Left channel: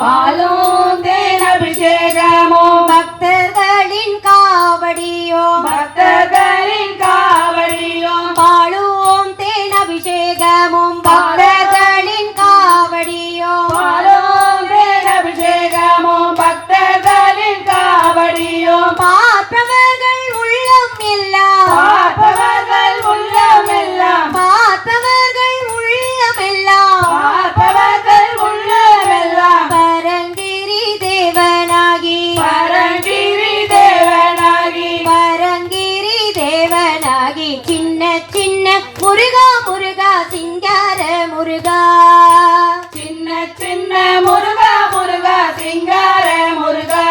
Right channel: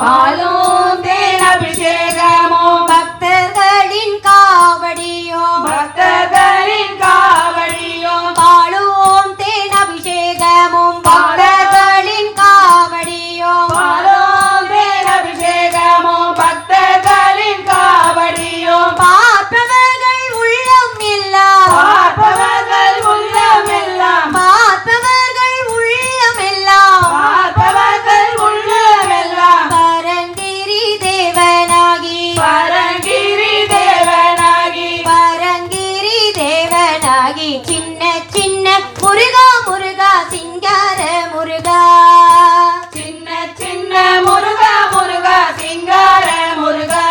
பாலும் தேன் அபிஷேகமும் பக்தர்களின் காவடியோ பக்தர்களின் காவடியோ பாலும் தேன் அபிஷேகமும் பக்தர்களின் காவடியோ பாலும் தேன் அபிஷேகமும் பக்தர்களின் காவடியோ பார்ப்பவர்கள் உள்ளம் எல்லாம் பார்ப்பவர்கள் உள்ளமெல்லாம் பார்ப்பவர்கள் உள்ளம் எல்லாம் பார்ப்பவர்கள் உள்ளமெல்லாம் பரங்கிரி தேவனாகி பரங்கிரி தேவனாகி பரங்கிரி தேவனாகி சின்ன சின்ன முருகா முருகா சிங்கார முருகா சின்ன சின்ன முருகா முருகா சிங்கார முருகா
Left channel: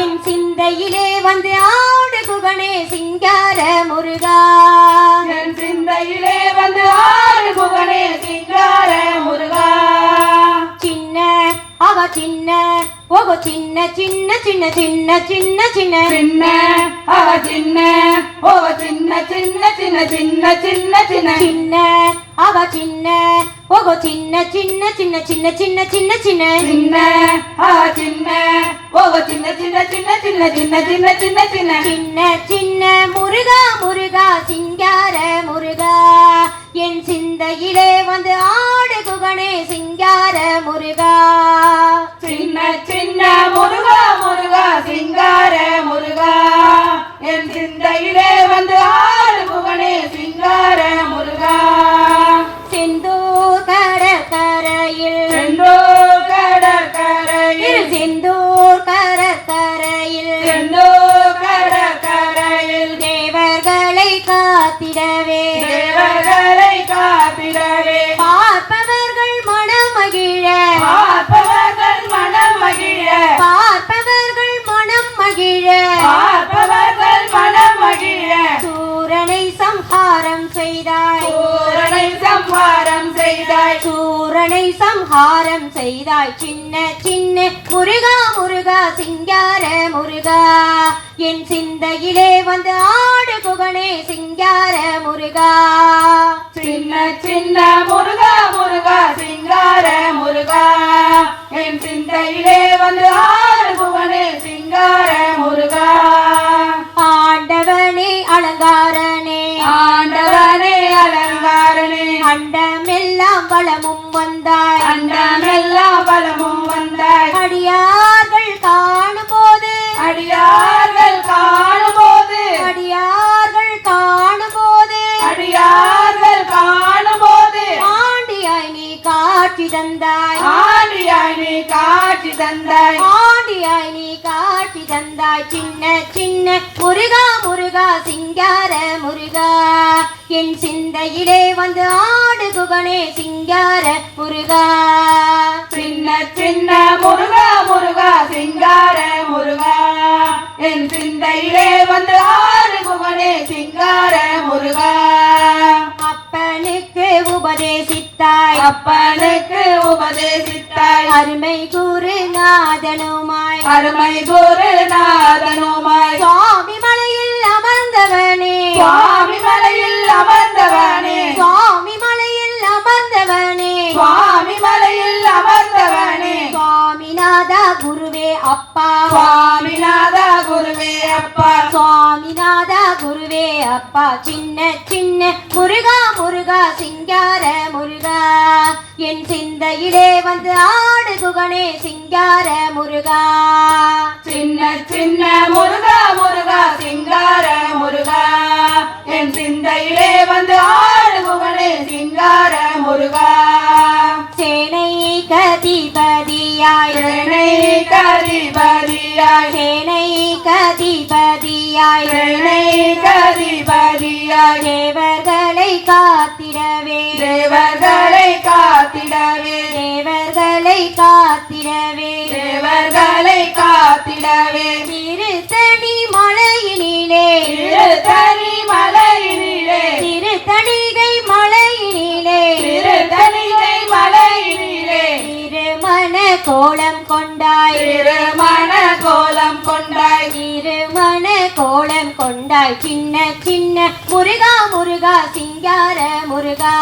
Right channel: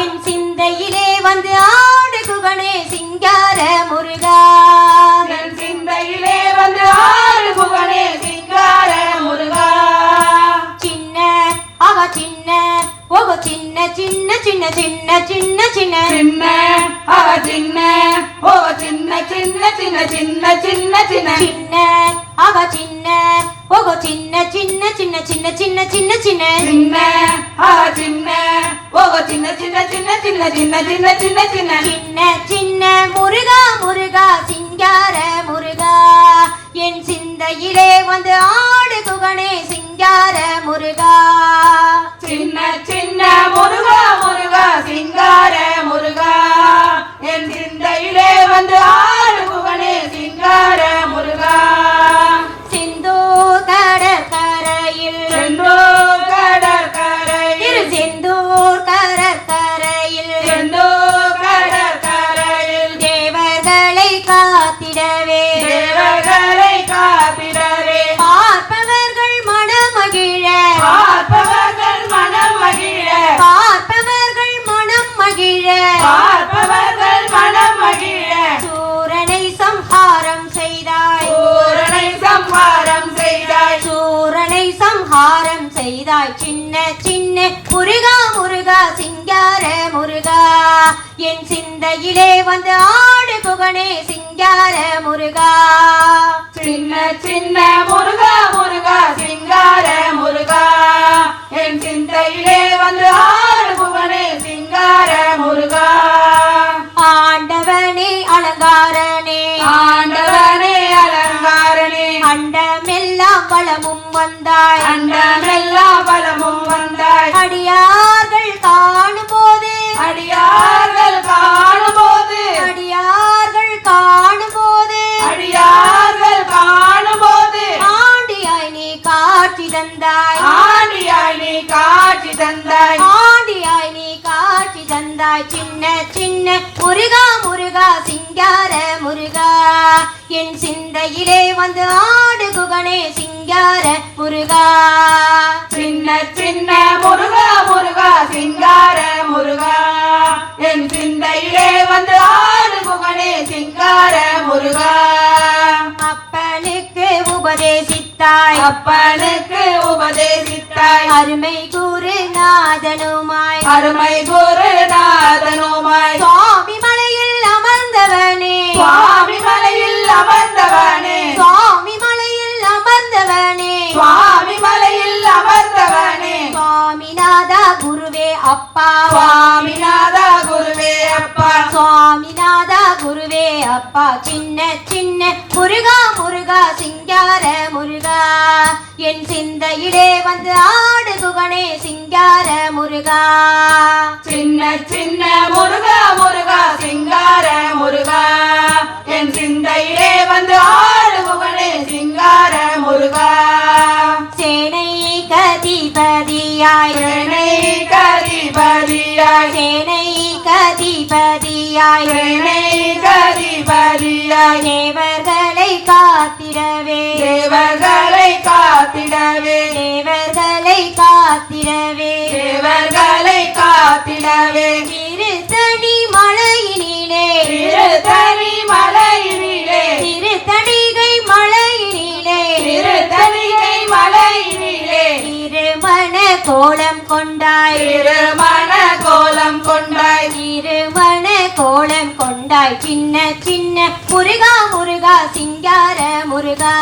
என் சிந்தையிலே வந்து ஆடு குகனே சிங்கார முருகா என் சிந்தையிலே வந்து ஆறு புகழே சிங்கார முருகா சின்ன அவ சின்ன ஓ சின்ன சின்ன சின்ன சின்ன சின்ன சின்ன சின்ன அவ சின்ன ஓ சின்ன சின்ன சின்ன சின்ன சின்ன சின்ன சின்ன அவ சின்ன ஓ சின்ன சின்ன சின்ன சின்ன சின்ன சின்ன சின்ன சின்ன அவ சின்ன ஓ சின்ன சின்ன சின்ன சின்ன சின்ன சின்ன சின்ன சின்ன சின்ன சின்ன முருகா முருகா சிங்கார முருகா என் சிந்தையிலே வந்து ஆடு குகனே சிங்கார முருகா சின்ன சின்ன முருகா முருகா சிங்கார முருகா என் சிந்தையிலே வந்து ஆறு புகழே சிங்கார முருகா செந்தூர் கடற்கரையில் செந்தூர் கடற்கரையில் செந்தூர் கடற்கரையில் செந்தூர் கடற்கரையில் தேவர்களை காத்திடவே தேவர்களை காத்திடவே பார்ப்பவர்கள் மனமகிழ பார்ப்பவர்கள் மனம் மகிழ பார்ப்பவர்கள் மனம் மகிழ பார்ப்பவர்கள் மனம் மகிழ சூரனை சம்ஹாரம் செய்தாய் பூரணை சம்ஹாரம் செய்தாய் சூரனை சம்ஹாரம் செய்தாய் சின்ன சின்ன முருகா முருகா சிங்கார முருகா என் சிந்தையிலே வந்து ஆடு குகனே சிங்கார முருகா சின்ன சின்ன முருகா முருகா சிங்கார முருகா என் சிந்தையிலே வந்து ஆறு புகழே சிங்கார முருகா ஆண்டவனே அலங்காரனே ஆண்டவனே அலங்காரனே அண்டமெல்லாம் வளமும் வந்தாய் அண்டமெல்லாம் பலமும் வந்தாய் அடியார்கள் காணும்போது அடியார்கள் காணும்போது அடியார்கள் காணும்போது அடியார்கள் காணும்போது ஆண்டியாய் நீ காட்சி தந்தாய் ஆண்டியாய் நீ காட்சி தந்தாய் ஆண்டியாய் நீ காட்சி தந்தாய் சின்ன சின்ன முருகா முருகா சிங்கார முருகா என் சிந்தையிலே வந்து ஆடு குகனே சிங்கார முருகா சின்ன சின்ன முருகா முருகா சிங்கார முருகா என் சிந்தையிலே வந்து ஆறு புகழே சிங்கார முருகா அப்பனுக்கு உபதேசித்தாய் அப்பனுக்கு உபதேசித்தாய் அருமை குருநாதனுமாய் அருமை குருநாதனுமாய் சுவாமி மலையில் அமர்ந்தவனே சுவாமி மலையில் அமர்ந்தவனே சுவாமி மலையில் அமர்ந்தவனே சுவாமி மலையில் அமர்ந்தவனே சுவாமிநாதா குருவே அப்பா சுவாமிநாதா குருவே அப்பா சுவாமிநாதா குருவே அப்பா சின்ன சின்ன முருகா முருகா சிங்கார முருகா என் சிந்தையிலே வந்து ஆடு குகனே சிங்கார முருகா சின்ன சின்ன முருகா முருகா சிங்கார முருகா என் சிந்தையிலே வந்து ஆடு புகழே சிங்கார முருகா சேனை கதிபதியாய் சேனை கதிபதியாய் சேனை கதிபதியாய் சேனை கதிபதியாய் தேவர்களை காத்திடவே தேவர்களை காத்திடவே தேவர்களை காத்திடவே தேவர்களை காத்திடவே திருத்தணி மலையினிலே திருத்தணி மலையினிலே திருத்தணிகை மலையினிலே திருத்தணிகை மலையினிலே திருமண கோலம் கொண்டாய் திருமண கோலம் கொண்டாய் திருமண கோலம் கொண்டாய் சின்ன சின்ன முருகா முருகா சிங்கார முருகா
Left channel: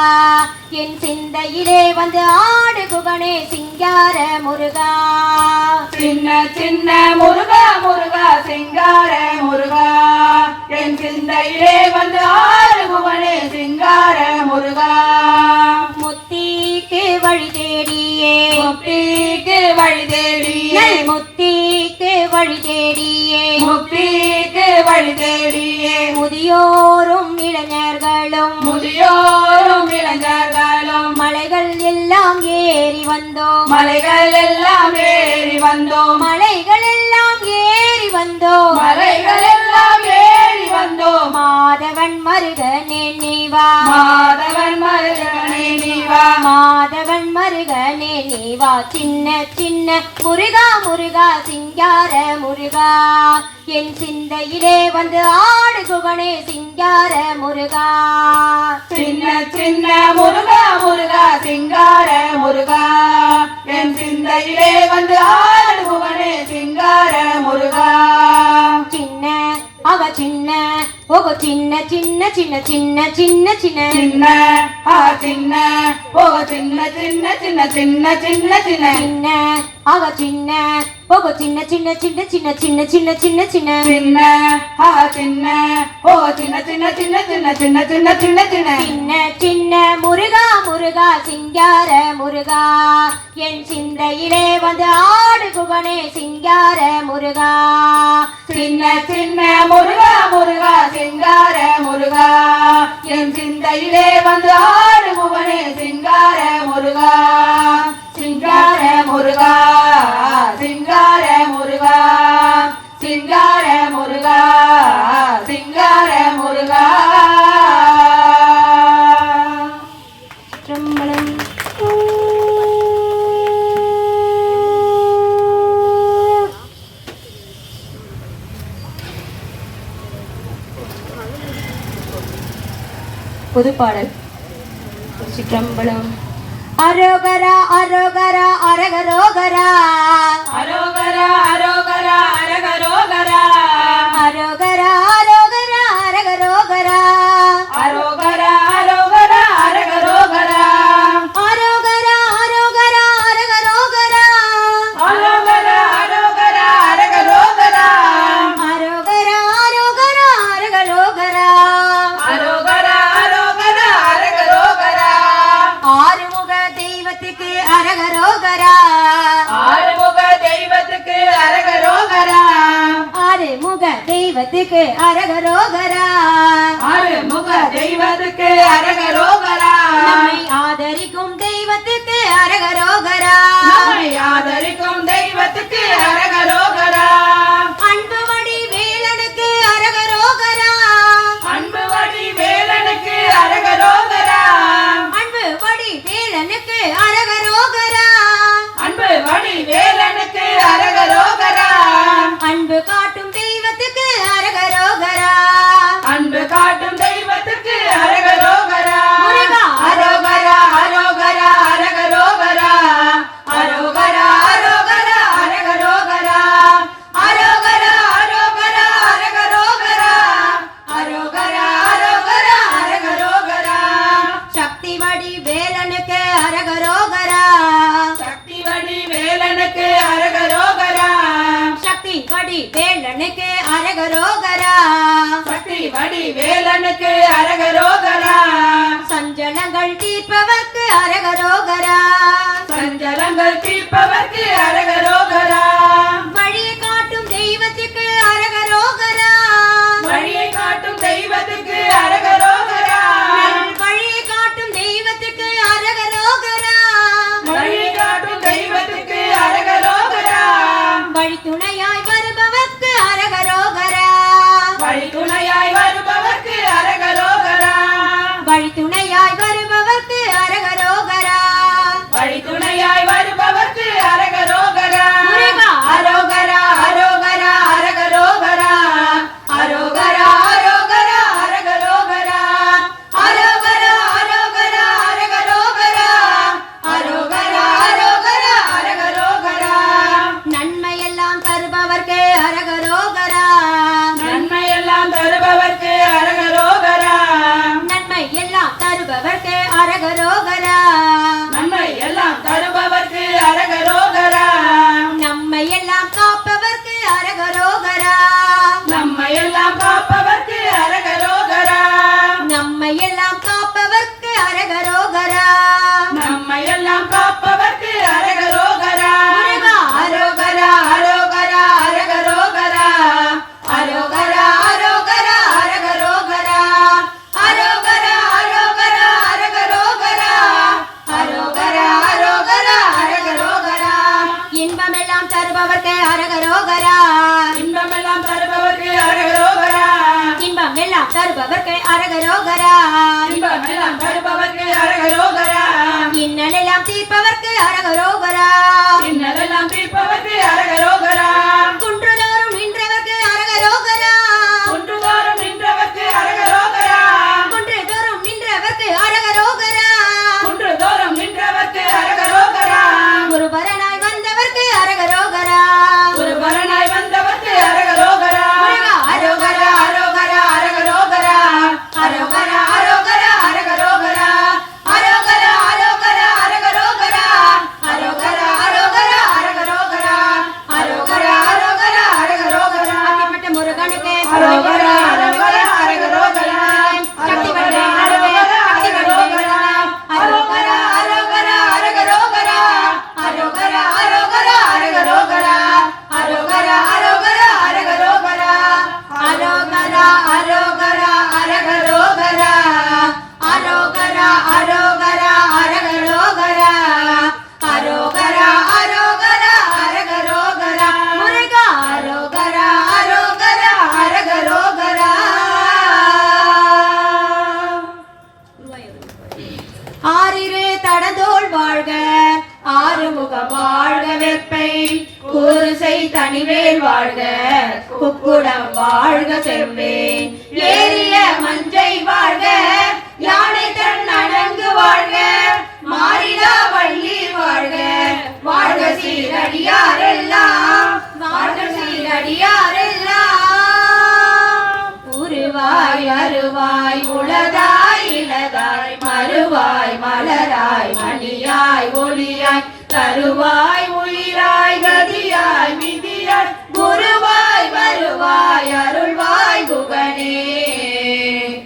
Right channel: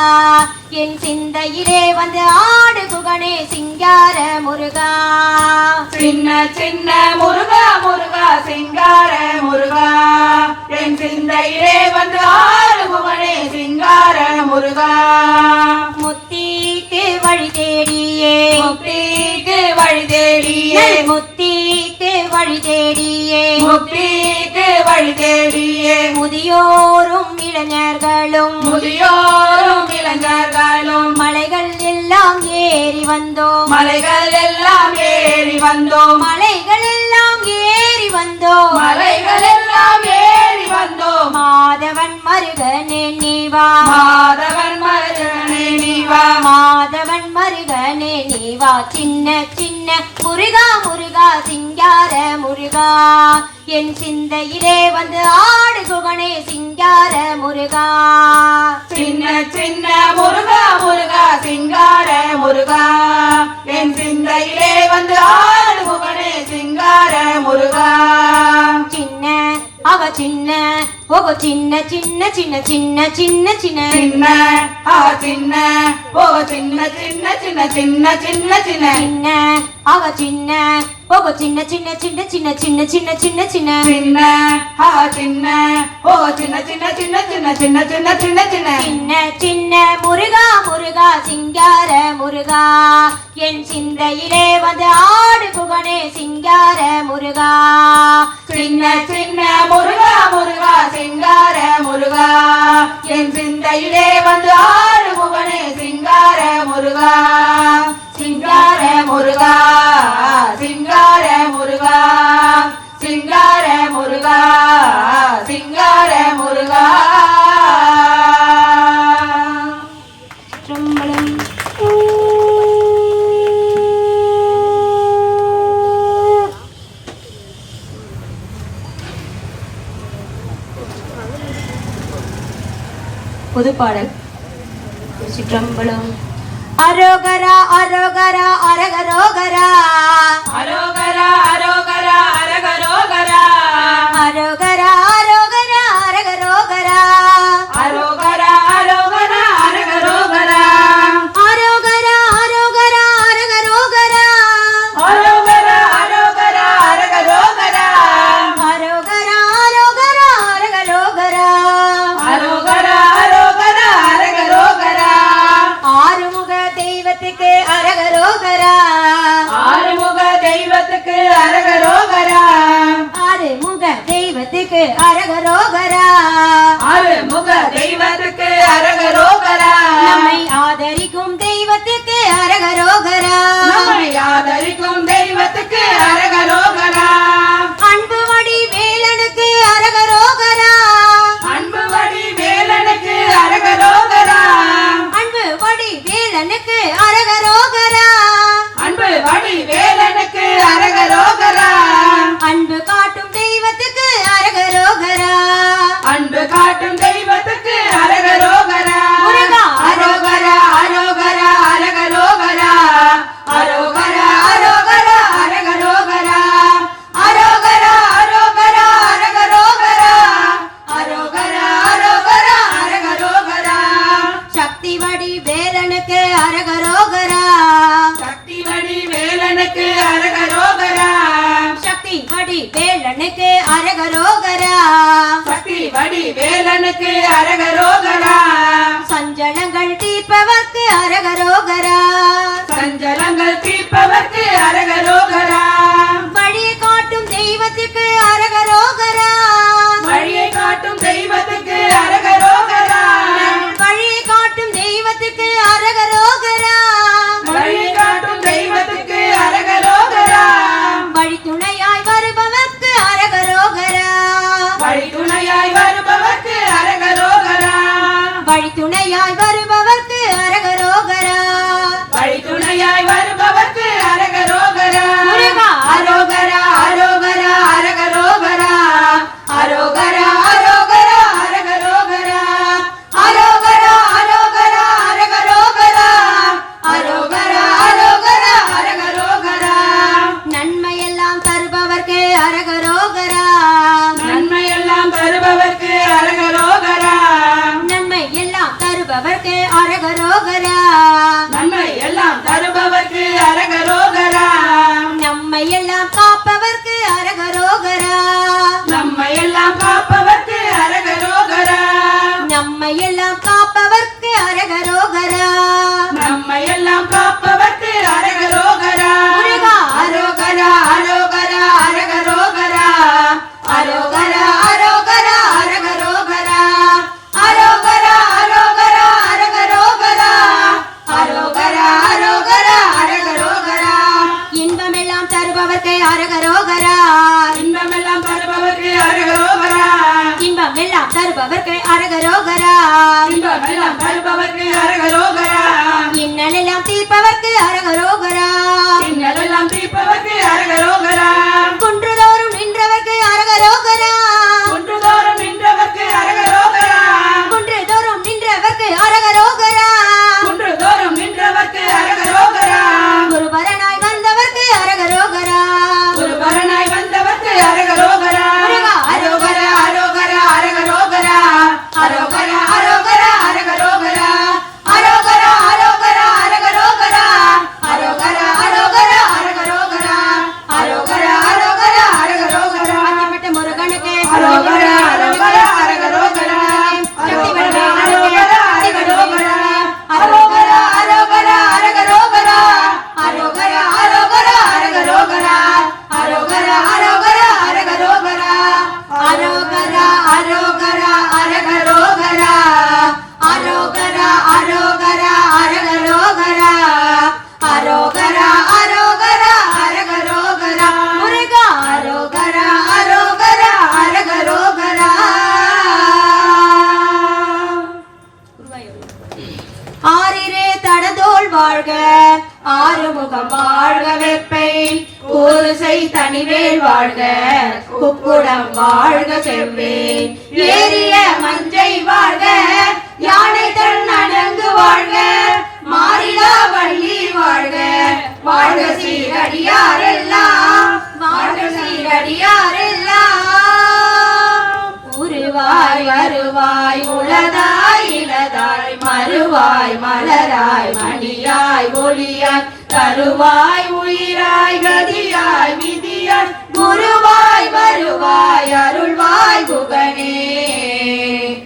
என் சிந்தையிலே வந்து ஆடு குகனே சிங்கார முருகா சின்ன சின்ன முருகா முருகா சிங்கார முருகா என் சிந்தையிலே வந்து ஆறுபவனே சிங்கார முருகா முத்திக்கு வழி தேடியே முக்திக்கு வழி தேடியே முத்திக்கு வழி தேடியே முக்திக்கு வழி தேடியே முதியோரும் இளைஞர்களும் முதியோரும் இளைஞர்களும் மலைகள் எல்லாம் ஏறி வந்தோம் மலைகள் எல்லாம் ஏறி வந்தோம் மலைகள் எல்லாம் ஏறி வந்தோம் மலைகள் எல்லாம் ஏறி வந்தோம் மாதவன் மருகனே நீவா மாதவன் மருகனே நீவா மாதவன் மருகனே நீவா சின்ன சின்ன முருகா முருகா சிங்கார முருகா என் சிந்தையிலே வந்து ஆடு குகனே சிங்கார முருகா சின்ன சின்ன முருகா முருகா சிங்கார முருகா என் சிந்தையிலே வந்து ஆடு புகனே சிங்கார முருகா சின்ன அவ சின்ன ஓ சின்ன சின்ன சின்ன சின்ன சின்ன சின்ன சின்ன சின்ன ஓ சின்ன சின்ன சின்ன சின்ன சின்ன சின்ன சின்ன அவ சின்ன ஓ சின்ன சின்ன சின்ன சின்ன சின்ன சின்ன சின்ன சின்ன சின்ன சின்ன ஓ சின்ன சின்ன சின்ன சின்ன சின்ன சின்ன சின்ன சின்ன சின்ன சின்ன முருகா முருகா சிங்கார முருகா என் சிந்தையிலே வந்து ஆடு புகனே சிங்கார முருகா சின்ன சின்ன முருகா முருகா சிங்கார முருகா என் சிந்தையிலே வந்து ஆடு புகனே சிங்கார முருகா சிங்கார முருகா சிங்கார முருகா சிங்கார முருகா சிங்கார முருகா திரும்பலம் புதுப்பாடல் திருச்சிற்றம்பலம் அரோகரா அரோகரா அரகரோகரா அரோகரா அரோகரா அரகரோகரா அரோகரா அரோகரா அரகரோகரா அரோகரா அரோகரா அரகரோகரா அரோகரா அரோகரா அரகரோகரா அரோகரா அரோகரா அரகரோகரா அரோகரா அரோகரா அரகரோகரா அரோகரா அரோகரா அரகரோகரா ஆறுமுக தெய்வத்துக்கு அரகரோகரா ஆறுமுக தெய்வத்துக்கு அரகரோகரா ஆறுமுக தெய்வத்துக்கு அரகரோகரா ஆறுமுக தெய்வத்துக்கு அரகரோகரா நம்மை ஆதரிக்கும் தெய்வத்துக்கு அரகரோகரா நம்மை ஆதரிக்கும் தெய்வத்துக்கு அரகரோகரா அன்பு வடி வேலனுக்கு அரகரோகரா அன்பு வடி வேலனுக்கு அரகரோகரா அன்பு வடி வேலனுக்கு அரகரோகரா அன்பு வடி வேலனுக்கு அரகரோகரா அன்பு காட்டும் தெய்வத்துக்கு அரகரோகரா அன்பு காட்டும் தெய்வத்துக்கு அரகரோகரா முருகா அரோகரா அரோகரா அரகரோகரா அரோகரா அரோகரா அரகரோகரா அரோகரா அரோகரா அரகரோகரா அரோகரா அரோகரா அரகரோகரா சக்தி வடி வேலனுக்கு அரகரோகரா சக்தி வடி வேலனுக்கு அரகரோகரா சக்தி வடி வேலனுக்கு அரகரோகரா சக்தி வடி வேலனுக்கு அரகரோகரா சஞ்சலங்கள் தீர்ப்பவர்க்கு அரகரோகரா சஞ்சலங்கள் தீர்ப்பவர்க்கு அரகரோகரா வழியை காட்டும் தெய்வத்துக்கு அரகரோகரா வழியை காட்டும் தெய்வத்துக்கு அரகரோகரா வழியை காட்டும் தெய்வத்துக்கு அரகரோகரா வழியை காட்டும் தெய்வத்துக்கு அரகரோகரா வழி துணையாய் வருபவர்க்கு அரகரோகரா வழி துணையாய் வருபவர்க்கு அரகரோகரா வழி துணையாய் வருபவர்க்கு அரகரோகரா வழி துணையாய் வருபவர்க்கு அரகரோகரா முருகா அரோகரா அரோகரா அரகரோகரா அரோகரா அரோகரா அரகரோகரா தருபவர்க்கு அரகரோகரா இன்பமெல்லாம் தருபவர்க்கு அரகரோகரா இன்னலெல்லாம் தீர்ப்பவர்க்கு அரகரோகரா இன்னலெல்லாம் தீர்ப்பவர்க்கு அரகரோகரா குன்றுதோறும் நின்றவர்க்கு அரகரோகரா குன்றுதோறும் நின்றவர்க்கு அரகரோகரா குன்றுதோறும் நின்றவர்க்கு அரகரோகரா குன்றுதோறும் நின்றவர்க்கு அரகரோகரா குருபரனாய் வந்தவர்க்கு அரகரோகரா குருபரனாய் வந்தவர்க்கு அரகரோகரா முருகா அரோகரா அரோகரா அரகரோகரா அரோகரா அரோகரா அரகரோகரா அரோகரா அரோகரா அரகரோகரா அரோகரா அரோகரா அரகரோகரா அரோகரா அரோகரா அரகரோகரா அத்திப்பட்ட முருகனுக்கு அரோகரா அரோகரா அரகரோகரா சக்தி வடிவே அரோகரா அரகரோகரா அரோகரா அரோகரா அரகரோகரா அரோகரா அரோகரா அரகரோகரா அரோகரா அரோகரா அரகரோகரா அரோகரா அரோகரா அரகரோகரா அரோகரா அரோகரா அரகரோகரா அரோகரா அரோகரா அரகரோகரா முருகா அரோகரா அரோகரா அரகரோகரா ஆறிரே தடதோள் வாழ்க ஆறுமுகம் வாழ்க வெப்பை கூறுசை தனிவேல் வாழ்க குக்குடம் வாழ்க செவ்வேல் ஏறிய மஞ்சை வாழ்க யானை தன் அணங்கு வாழ்க மாறிலா வள்ளி வாழ்க வாழ்க சீரடியாரெல்லாம் வாழ்க சீரடியாரெல்லாம் உருவாய் வருவாய் உளதாய் இளதாய் மறுவாய் மலராய் மணியாய் ஒளியாய் தருவாய் உயிராய் கதியாய் விதியாய் குருவாய் வருவாய் அருள்வாய் குகனே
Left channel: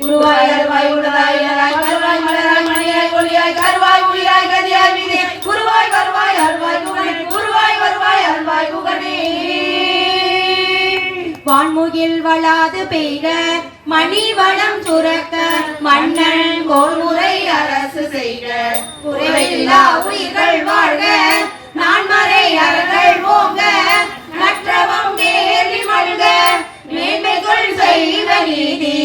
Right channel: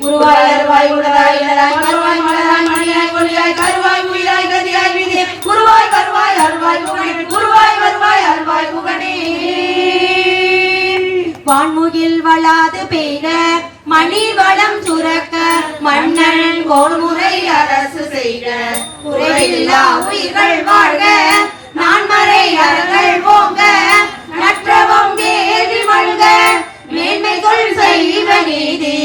உருவாய் அருவாய் உளதாய் இளதாய் மறுவாய் மலராய் மணியாய் ஒளியாய் தருவாய் உயிராய் கதியாய் விதியாய் குருவாய் வருவாய் அருள்வாய் குகனே குருவாய் வருவாய் அருள்வாய் குகனே வான்முகில் வளாது பெய்க மணி வளம் சுரக்க மன்னன் கோன்முறை அரசு செய்க குறைவில்லா உயிர்கள் வாழ்க நான்மறை அறங்கள் ஓங்க நற்றவம் தேறி வழ்க மேன்மைகள் செய்வ நீதி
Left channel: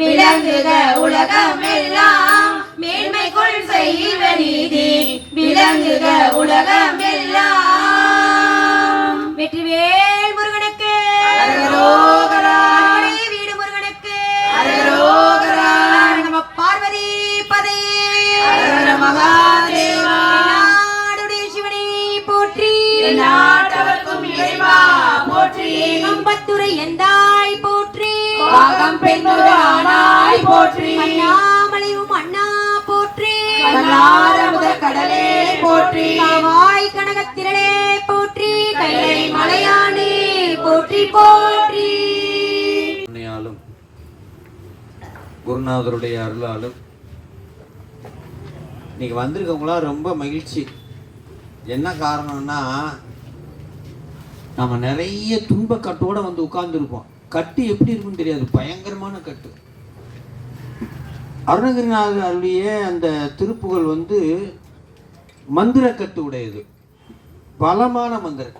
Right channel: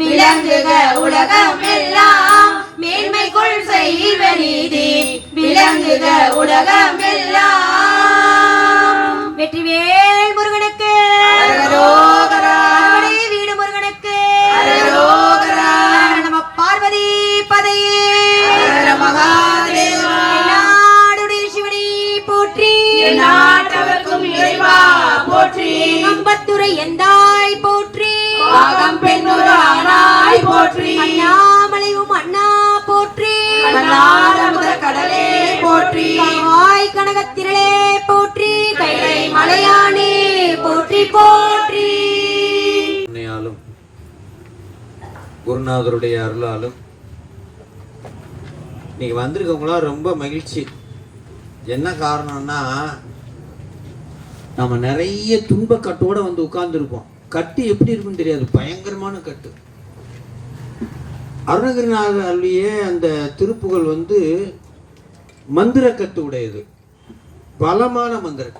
விளங்குக உலகம் எல்லாம் மேன்மைகள் செய்வ நீதி விளங்குக உலகம் எல்லாம் வெற்றிவேல் முருகனுக்கு அரகரோகரா. அறுவடை வீடு முருகனுக்கு அரகரோகரா. நம பார்வதி பதையே ஹர மகாதேவா. நாடுடைய சிவனை போற்றி நாட்டவர்க்கும் இறைவா போற்றி கம்பத்துறை எந்தாய் போற்றி பாகம் பெண்ணுரானாய் போற்றி அண்ணாமலையும் அண்ணா போற்றி நாதமுத கடலே போற்றி வாய் கனகத்திரளே போற்றி கைலை மலையானே போற்றி போற்றி கருணையாலும் குருநாதருடைய அருளாலும் இன்னைக்கு வந்திருக்கவங்களாம் ரொம்ப மகிழ்ச்சி. என்ன காரணம்னா நம்ம நிறைய துன்பக்கட்டோட வந்து உட்கார்ந்துருப்போம். கட்டு எப்படி இருக்குன்னு தெரியாது, பயங்கரமான கட்டு. அருணகிரிநாதர் அருளிய அந்த திருப்புகழ் வந்து மந்திர கட்டு உடையது, பலமான மந்திரம்.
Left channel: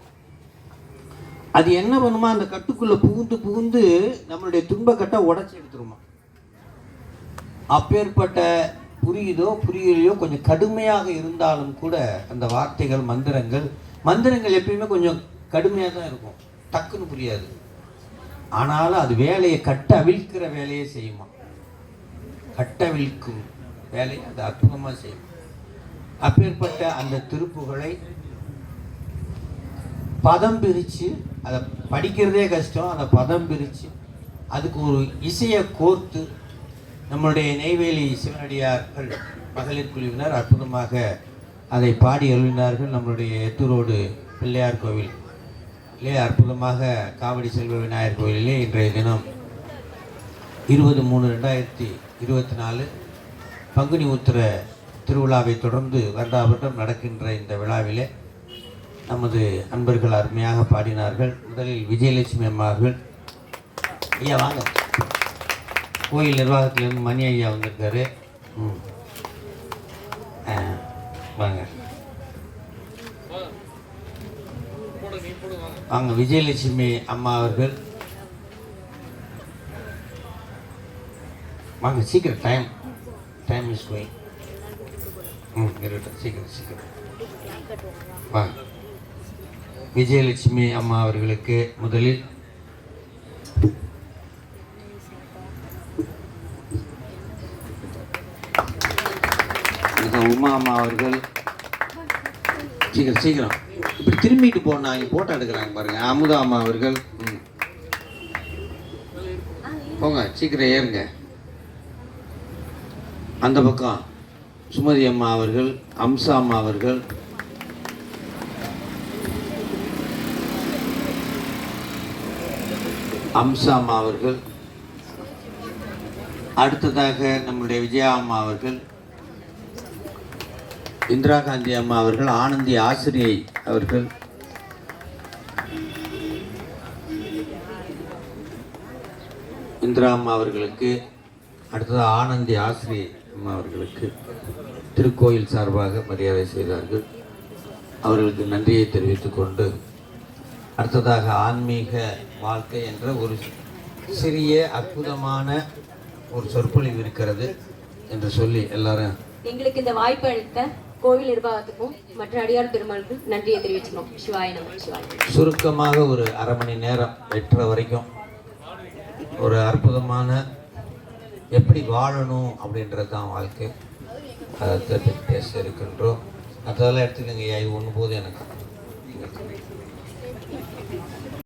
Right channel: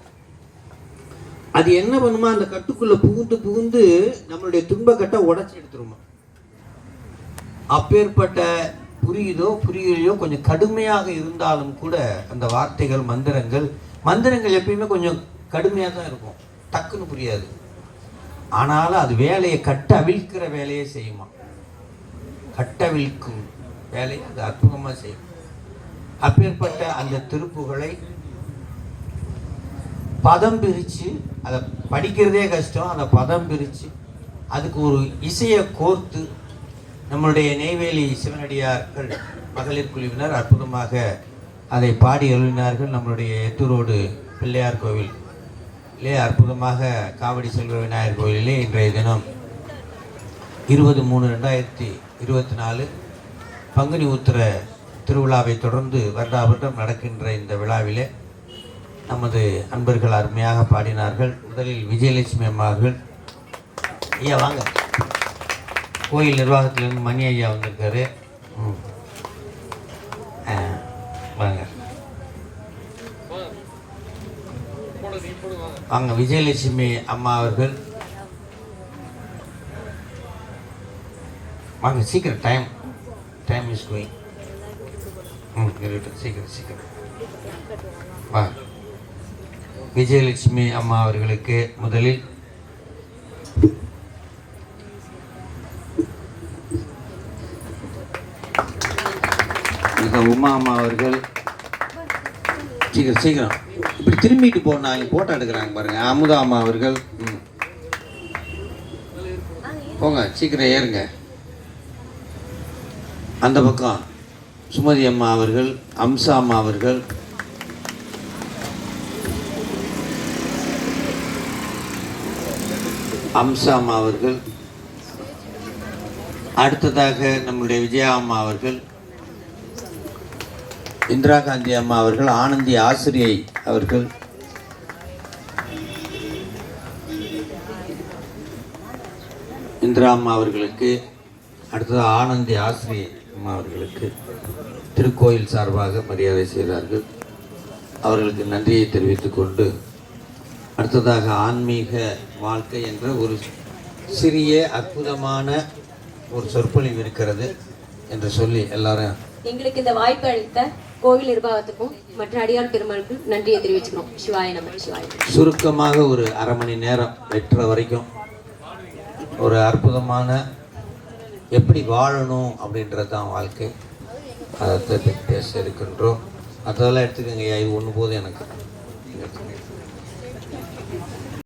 அது என்ன பண்ணுமா, அந்த கட்டுக்குள்ள புகுந்து புகுந்து நம்மளுடைய துன்பக்கட்டை உடைச்சி எடுத்துருமா. அப்பேற்பட்ட புரியுதோ புரியலையோ கொஞ்சம் கடுமையாக இருந்தாலும் கூட அந்த வார்த்தைகள் மந்திரங்கள் எப்பயுமே கொஞ்சம் கடுமையாக தான் இருக்கும், டக்குன்னு புரியாது. ஆனாலும் அது வேலையை அவிழ்க்கிற வேலையை செய்யுமா. கட்டவிழ்க்கும் வேலையை அது அற்புதமாக செய்யும். அப்பேற்பட்ட அந்த திருப்புகளை பதம் பிரித்து, அதை படிக்கிறதே கஷ்டம், அதை பதம் பிரித்து அதுக்கு ஒரு இசையை கோர்த்து நம்மளுடைய நெய்வேலி சிவனடியார்கள் மகளிர் குழுவினர் அற்புதமாக அதை பாடி எழுதினார்கள். நம்மளுடைய எத்தூரோடு பிள்ளையார் கோவிலே அற்புதமாக காவடி செல்வ விநாயகர் கோவிலிலே இன்றைய தினம் 20/3/2024 பங்குனி உத்திர திருவிழாவை தொடர்ந்து வருடா வருடம் நடக்கின்ற இந்த விழாவிலே நமது அன்பர்கள் அருமையாக பாடினார்கள். முதலில் விஜயலட்சுமி அம்மார்கள். ஐயா வாங்க, கோயில் நிர்வாகத்திலிருந்து மணி ஐயா வந்திருக்காரு. வாங்க வாங்க. விஜயலட்சுமி அம்மா அவர்கள் வாங்க சீக்கிரம், டைம் இஸ் கோயிங். சீக்கிரம் சீக்கிரம் வா. விஜயலட்சுமி அம்மா அவர்களுக்கு முதலில் உமா அம்மா அவர்கள். சீக்கிரம் சீக்கிரம் இப்படி திரும்பிட்டு போனாங்க, போட்டோ எடுக்கிறாங்க பாருங்க. அமுதா அம்மா அவர்கள். போங்க சீக்கிரம் ஏறுங்க. அந்த பக்கம் சுமதி அம்மா அவர்கள், அம்சா அம்மா அவர்கள், அம்சா அம்மா அவர்கள். அடுத்ததாக நம்முடைய விஜயா அம்மா அவர்கள், இந்திரா காந்தி அம்மா அவர்கள், ஆனந்தி ஆசிரியை அவர்கள், இந்திரா அம்மா அவர்களுக்கு அடுத்தது ஆனந்தி ஆசிரியை அம்மா அவர்களுக்கு திருக்கோயில் சார்பாக மரியாதை செய்கிறார்கள். அவர்களுக்கு நன்றியை தெரிவித்துக் கொண்டு அடுத்ததாக ஆன்மீக வாழ்க்கை என்ற ஒரு சிறிய அற்புதமான ஒரு சொற்பொழிவு இருக்கிறது என்று சொல்லி எல்லாரும் எங்களுக்கு இந்த வாய்ப்பு அளித்த கோவில் நிர்வாகத்துக்கும் மற்ற அடியார் பெருமாளுக்கும் நன்றியை தெரிவிச்சுக்கணும். சிவாய நம. சிவாய. சுருக்கமாக ஒரு அரை மணி நேரம் 8:30 வரைக்கும் ஒரு அற்புதமான எப்படி வாழணும் அப்படின்றது தான் வாழ்க்கை, அதை பற்றி பேச இருக்கின்றோம். அதெல்லாம் எடுத்துக்கோங்க ஐயா, இது ஒன்று போதும் எனக்கு.